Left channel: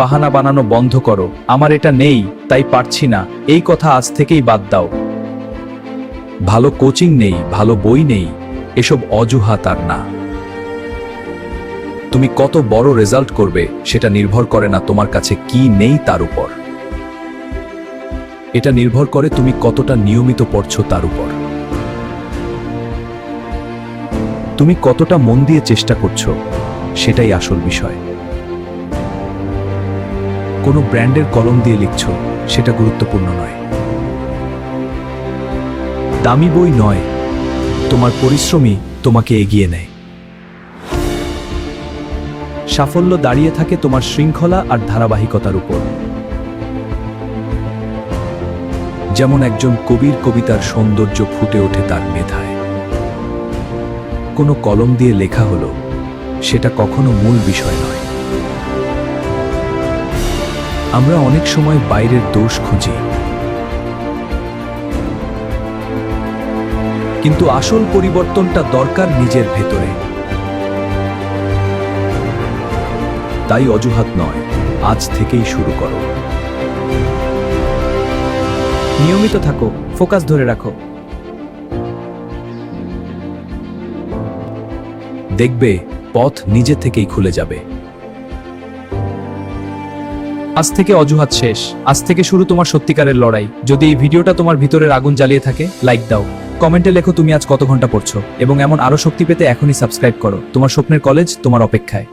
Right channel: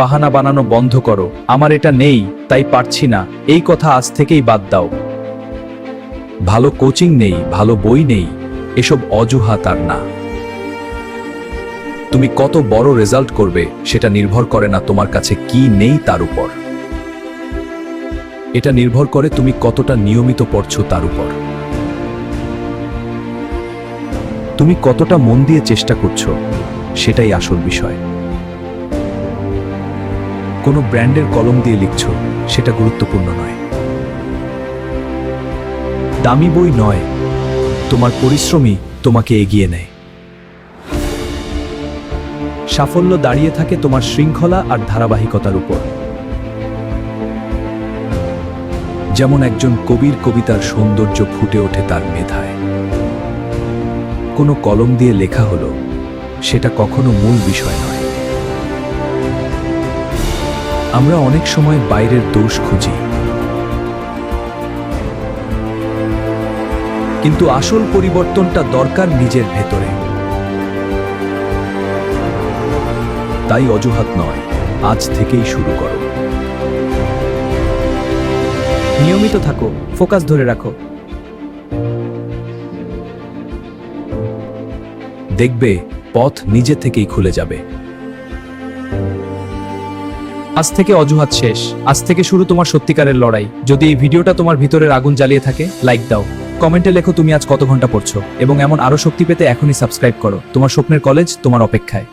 বাহানা বানানো বন্ধ করো। আমার এটা নেই, তাই পারছি না, এই কথা আজ থেকেই বাদ দাও। ভালো কোচিং নেই, ভালো বই নেই, এসব অজুহাত আর না। তুমি কত বড় রেজাল্ট করবে সেটা নির্ভর করে না তোমার কাছে কি নেই তার উপর। এটা নির্ভর করে তুমি কতটা নিয়মিত পড়ছো তার উপর। তুমি কতটা মন দিয়ে চেষ্টা করছো সেটাই আসল বিষয়। কোনো ব্র্যান্ডের কলম দিয়ে লিখছো সেটা গুরুত্বপূর্ণ নয়। দামি বই নয়, তোমার পরিশ্রমই তোমাকে এগিয়ে নেয়। সাফল্য দাঁড়িয়ে থাকে তোমার শৃঙ্খলা আর ধারাবাহিকতার উপর। যেমন একজন কবির কবিতার সৌন্দর্য ফুটে ওঠে তার মেধায়। কোনো কলম দিয়ে লেখা হলো সেটা কখনো মূল বিষয় নয়। আমরা অনেক সময় বাইরের দোষ খুঁজি, কিন্তু আসল পরিবর্তনটা দরকার নিজের ভেতরে। তাই অজুহাত নয়, আজ থেকেই শুরু করো। নিয়মিত থাকো, ফোকাস ধরে রাখো। দেখবে পথ নিজে থেকেই খুলে যাবে। আজ থেকে অজুহাত শেষ, আজ থেকে শুরু তোমার সত্যিকারের লড়াই। যদি এই ভিডিওটা তোমার ভিতরের আগুন জ্বালিয়ে থাকে, লাইক দাও, কমেন্টে লেখো তুমি আজ কত ঘন্টা পড়ছো, এবং এমন আরো শক্তি পেতে এখনই সাবস্ক্রাইব করো। তোমার স্বপ্নের কলেজ তোমার অপেক্ষায়।